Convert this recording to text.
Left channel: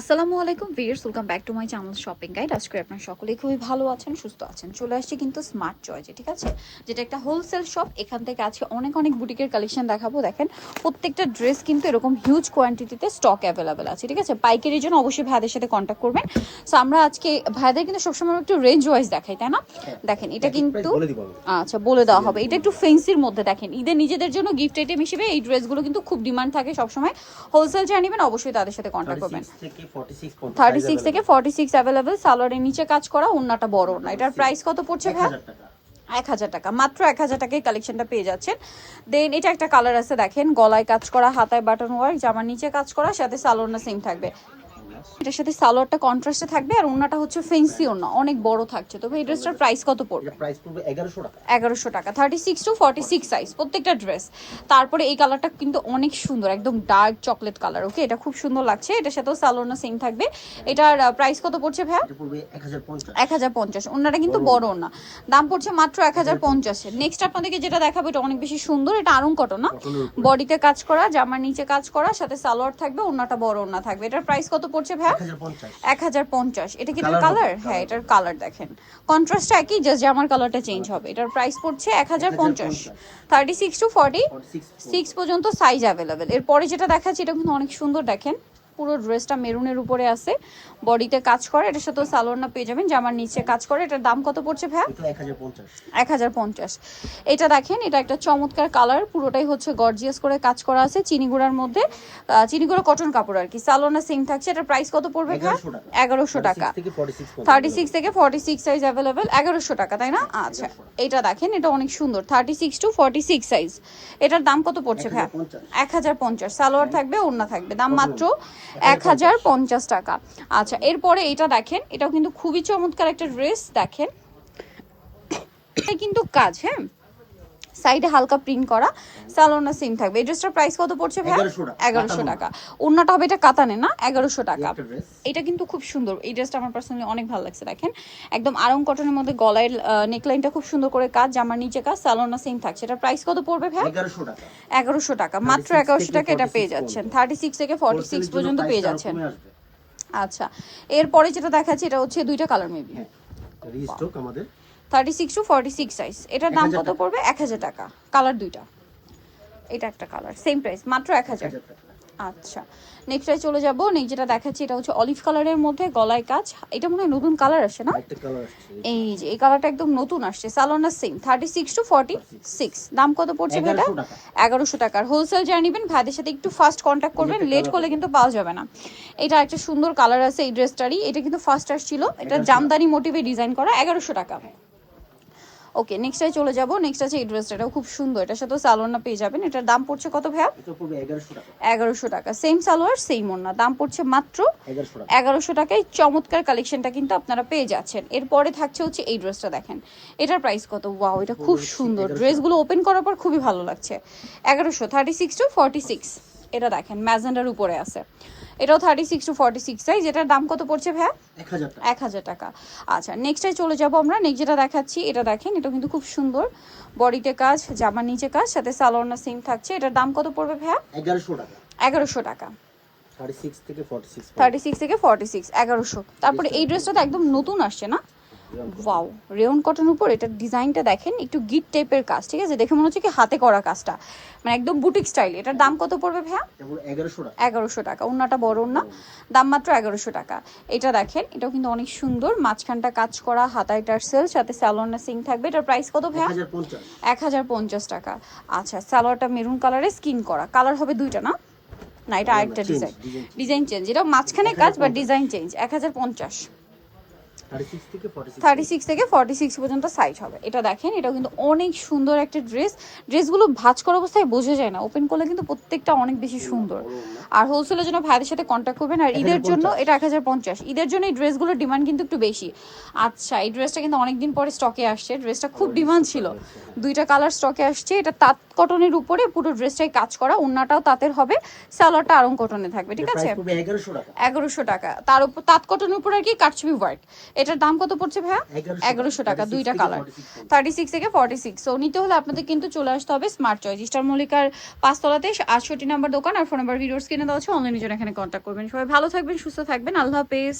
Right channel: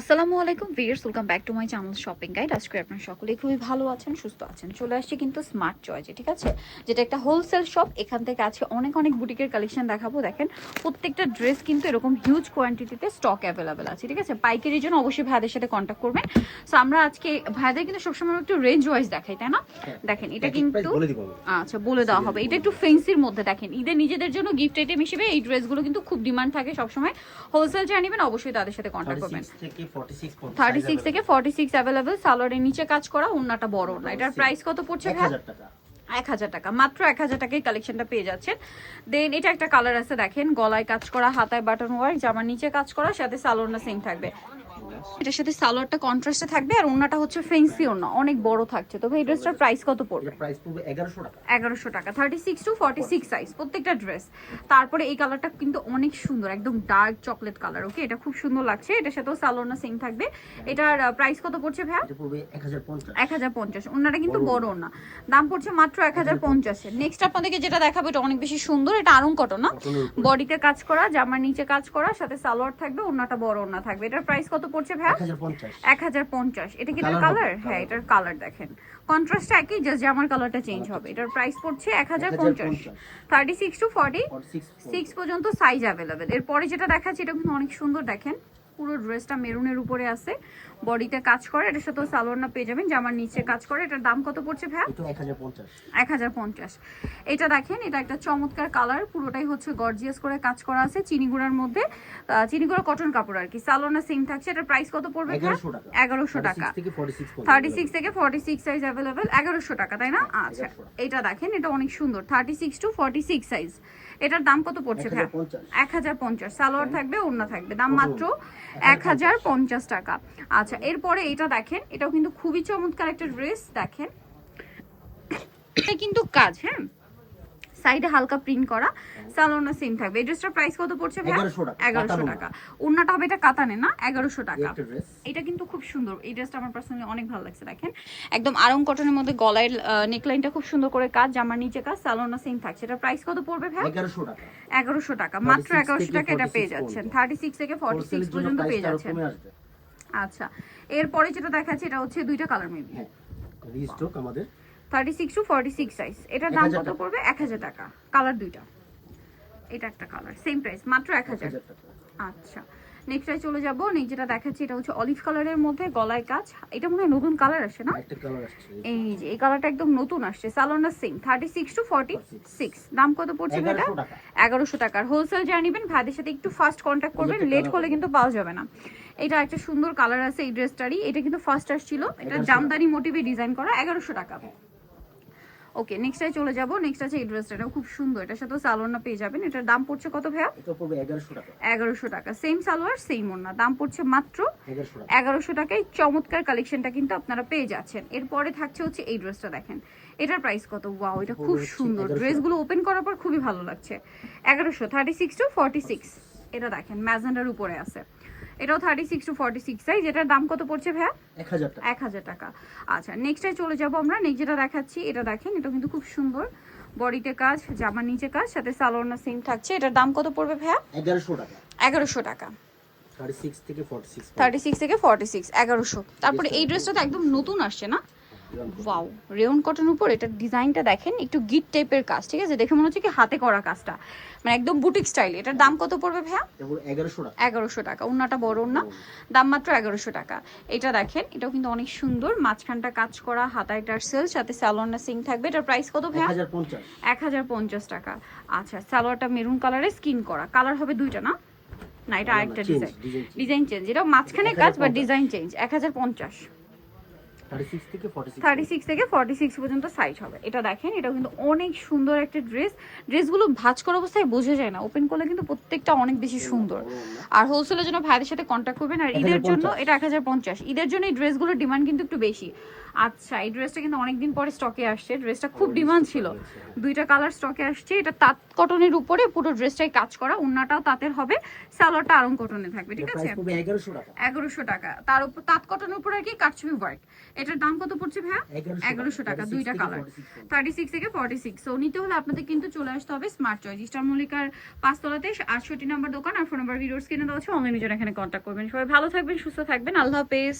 আসসালামু আলাইকুম viewers, welcome back to my channel shopping guide. আজকে আপনারা সকলেই খুবই ভালো আছেন, সুস্থ আছেন। চলে আসছি কিন্তু স্মার্ট চয়েসে, ঠিক আছে, যেটা একটা হোলসেল শপ। এখান থেকে আজকে অনেক অনেক বুটিকের কালেকশন দেখাবো। দেখেন প্রত্যেকটা ড্রেস কিন্তু এরকম হিউজ কোয়ান্টিটিতে স্টক অ্যাভেলেবেল আছে, ঠিক আছে। পাইকারির জন্য অবশ্যই ভাইদের সাথে কন্ট্যাক্ট করবেন। সো আমরা আজকে ভাইদের কিন্তু সবসময় একটু রেঞ্জ ওয়াইজ দেখাই, তাই না? দেখেন এটা কিন্তু আচ্ছা বলে দেওয়া হবে। এটা একটু ফেন্সির মধ্যে। দেখেন ঈদের নিজেদের জন্য গিফট আইটেম হিসেবে এই ড্রেসগুলো কিন্তু খুব ডিমান্ড থাকে সবসময়। হোলসেল যারা নেবেন অবশ্যই তাদের সাথে কন্ট্যাক্ট করবেন। 36 থেকে 46 অ্যাভেলেবল। সালোয়ারের নিচে কাজ করা, ওন্নাটা বড় না। এটার প্রাইস কত পড়ছে ভাই? 1000 টাকা। মাত্র 1000 টাকায় কালেকশনটা পেয়ে যাচ্ছেন। দেন এটা একটা কালার আছে, দেখেন গলায় কাজ করা, হাতায় বাটন ওয়ার্ক, জামার নিচে কাজ করা, সাথে সালোয়ারটা সেম থাকবে। এটার সাথে সালোয়ারটা কন্ট্রাস্টে থাকবে আর ওন্নাটা হচ্ছে ফেন্সি ওন্না, অনেক বড় থাকছে। তবে এই ড্রেসটার প্রাইস কত পড়বে? প্রাইস পড়বে 1100 টাকা। 1100 টাকা। 36 টু 46 সাইজ প্রত্যেকটা ড্রেস। তারপরে এই কালারটা কিন্তু অনেক সুন্দর, একদম ডার্ক চকলেট কালার। ওকে, এটা খুব সুন্দর লাগছে। এটার সাথেও সালোয়ারটা সেম থাকবে। এটার প্রাইস কত পড়ছে ভাই? এটা পড়বে 1050। 1050। ওন্নাটা কিন্তু বড় ওন্না, দাম পড়ছে মাত্র 1050। নেক্সট আপনাদেরকে যেটা দেখাবো এটা অনেক বেশি সুন্দর। এটা আরং কটন না, বডিতে কাজ করা, জামার নিচে কাজ করা, সাথে সালোয়ার থাকবে, ওন্নাটা বড় ওন্না থাকবে। এটার প্রাইস কত পড়ছে ভাই? 1050। এটা কি কালার? হ্যাঁ, এটার কালার দেখেন কন্ট্রাস্ট একই, জাস্ট জামার কালারটা চেঞ্জ হবে। এটার প্রাইস পড়ছে 1050। 36 টু 46 পর্যন্ত সাইজ অ্যাভেলেবেল। এরপরে যেটা দেখাচ্ছি এটা কিন্তু অনেক সুন্দর। দেখেন পুরো ড্রেসটা মেরুনের উপরে আছে, বডিতে কাজ করে, এটার সাথে সালোয়ার না পেয়ে যাবেন, জামার নিচে কাজ করে। এটার দাম কত পড়ছে ভাই? 1050। এটা দেখেন, এটা একটা চমৎকার কালার, পুরোটাই হচ্ছে গর্জিয়াস করে কাজ করা আছে চিনিগুড়ার মধ্যে। চিনিগুড়া কটন কাপড় আর কি। সালোয়ার না সেম থাকছে। এটার প্রাইস কত পড়বে ভাই? 1100 টাকা। 36 থেকে 46 সাইজ অ্যাভেলেবেল। 1100 টাকা, তাই না? আচ্ছা, এটা দেখেন, এটা অনেক সুন্দর। 36 টু 46 সাইজ। এটার দাম কত পড়ছে ভাই? 1050। সালোয়ার থাকবে, ওড়না থাকবে, দাম মাত্র 1050 টাকা। আচ্ছা, এরপরে এটা দেখেন, এটাও কিন্তু খুবই চমৎকার একটা ড্রেস। দেখেন এটা কিন্তু কাজ, হ্যাঁ, সাইডে হালকা প্রিন্ট করা, সালোয়ারটা সেম থাকবে। এই ড্রেসটার প্রাইস কত পড়ছে ভাই? 1100 টাকা। ওন্নাটা হবে এটা কাতানে না, 1100 টাকা। এটা কিন্তু খুব সুন্দর। এই ড্রেসটা আমার পার্সোনালি অনেক ভালো লাগছে। দেখেন একদম আরং কটনের মধ্যে গলায় নেকলাইনটা খুব সুন্দর করে কাজ, জামার নিচে কাজ, সালোয়ারটা সেম থাকছে। এটা প্রাইস কত পড়বে ভাই? 1100 টাকা। মাত্র 1100 টাকা এটা পেয়ে যাচ্ছেন। 36 থেকে 46 পর্যন্ত পেয়ে যাচ্ছেন। আচ্ছা, এরপরে যেটা দেখাচ্ছি এটা হচ্ছে দুইটা কালার মেবি। রিস্টক আমাদের 36 টু 46 সাইজ। এটার দাম কত পড়বে? 1000 টাকা। কালার দুইটা, এটা একটা কালার, সেম প্রাইস, মাত্র 1000 টাকা। আচ্ছা, নেক্সটে চলে যাব। নেক্সট যেটা দেখাচ্ছি এটা হচ্ছে অলিভ কালারের মধ্যে গলায় কাজ। এটা মনে হয় নতুন কালার আসছে না? একটা কালার আসছে, এই যে এই কালারটা একদম নতুন আসছে। সালোয়ারটা সেম। 36 টু 46। দাম কত পড়ছে ভাইটা? 1100 টাকার। হোলসেল যারা নেবেন ভাইদের সাথে একটু ফাস্ট কন্ট্যাক্ট করবেন, লেট করলে কিন্তু পাওয়া যাবে না। এটা একটা সুন্দর কালার আছে এই ড্রেসটারই। এটা কিন্তু ফার্স্ট আসছিল। এটা জামদানি মোটিভে ডিজাইন করা, 1100 টাকা। ওকে, নেক্সটে চলে যাব। নেক্সট আছে এই ড্রেসটা, এটাও খুব সুন্দর। এটার সাথে সালোয়ার না পেয়ে যাবেন। এটার দাম পড়ছে কত ভাইয়া? এটা পড়বে 1100 টাকা। 1100 টাকা। সেম সালোয়ার সেম ওড়না, দাম পড়ছে মাত্র 1100 টাকায়। চমৎকার কালেকশনটা কিন্তু আপনারা পেয়ে যাচ্ছেন। এরপরে থাকছে হচ্ছে এই ড্রেসটা, দেখেন এটার প্রাইস কত? ওয়াও, এটা খুব সুন্দর। ড্রেসগুলো ওপেন করার পর খুবই ভালো লাগছে। 1100। 36 টু 46। এটা দেখেন ম্যাজেন্ডার উপরে আছে। এটাও 36 টু 46 সাইজ। এটার দাম কত পড়ছে ভাই? 1000 টাকা। আচ্ছা, নেক্সটে চলে যাব আমরা। নেক্সট যেটা দেখাচ্ছি এটা দেখেন, এটা কিন্তু খুব সুন্দর, বডিতে কাজ, জামার নিচে কাজ, সাথে সালোয়ারটা সেম থাকছে। এটার দাম কত পড়বে ভাই? 1100 টাকা। 1100 টাকা। 36 থেকে 46। 36 থেকে 46, 1100। তারপরে এই ড্রেসটা তো একদম নতুন আসছে না? ওয়াও, রেয়ন কটন উপর। এটার ডিজাইনটা দেখেন, একটু গিট টাইপের কাজ, ঠিক আছে, দেখে মনে হচ্ছে কি হাতে করা কাজটা, মানে একদম বুটিক স্টাইল। এটার দাম কত পড়বে ভাইয়া? 1100 টাকা। ওন্নাটা বড় ওন্না, দাম মাত্র 1100 টাকা। এটা দেখেন, এটাও কিন্তু অনেক সুন্দর, মাঝখানটা কাজ করা, হাতায় টার্সেল, সাথে সালোয়ারটা সিং থাকবে। এটার প্রাইস কত ভাইয়া? 1050 টাকা। আচ্ছা, সালোয়ারটা মেরুন কালারে স্কিন করা, কালার হবে দুইটা না? না, এটা আরেকটা ডিজাইন চেঞ্জ। এটা মাঝখানে কাজ বা ডিজাইন চেঞ্জ। 1050। 36 থেকে 46 পর্যন্ত সাইজ হবে। এটা দেখেন, এটাও কিন্তু অনেক সুন্দর একটা ড্রেস। ড্রেসগুলো ভাঁজ করা অবস্থায় বোঝা যায় না, ওপেন করলে কিন্তু প্রত্যেকটা অনেক বেশি সুন্দর। আর হোলসেলের জন্য ভাইদের সাথে কন্ট্যাক্ট করবেন। আর ঈদের জন্য এটা 1050। ঈদের জন্য এই ড্রেসগুলোর ডিমান্ড কিন্তু একটু বেশি। আচ্ছা, এই ড্রেসটা কিন্তু অনেকদিন পরে স্টকে আসছে। ড্রেসটা খুব ডিমান্ড ছিল, দুইটা কালার স্টকে আসছে। এটা কটনের উপরে পুরো ড্রেসটাই কাজ করা, ওন্নাটাও তাঁতের হবে, সালোয়ারটা আরং কটনে থাকবে, ঠিক আছে? প্রাইস পড়বে 1100 টাকা। 1100 টাকা। তার উপর তাঁত কটনের উপর আর কি কাটছবি ওয়ার্ক। এটার দাম কত পড়ছে ভাইয়া? 1100 টাকা, দুইটা কালার, 36 থেকে 46। সো নিতে হলে আপনাদের কিন্তু চলে আসতে হবে স্মার্ট চয়েস, ইস্টার মল্লিকার 5 তলাতে 68 নাম্বার দোকান, আর ফোন নাম্বার ভিডিওস কিনে দেওয়া আছে, অনলাইনে জন্য এখানে কন্ট্যাক্ট করবেন। সবাই ভালো থাকবেন, সুস্থ থাকবেন, আল্লাহ হাফেজ।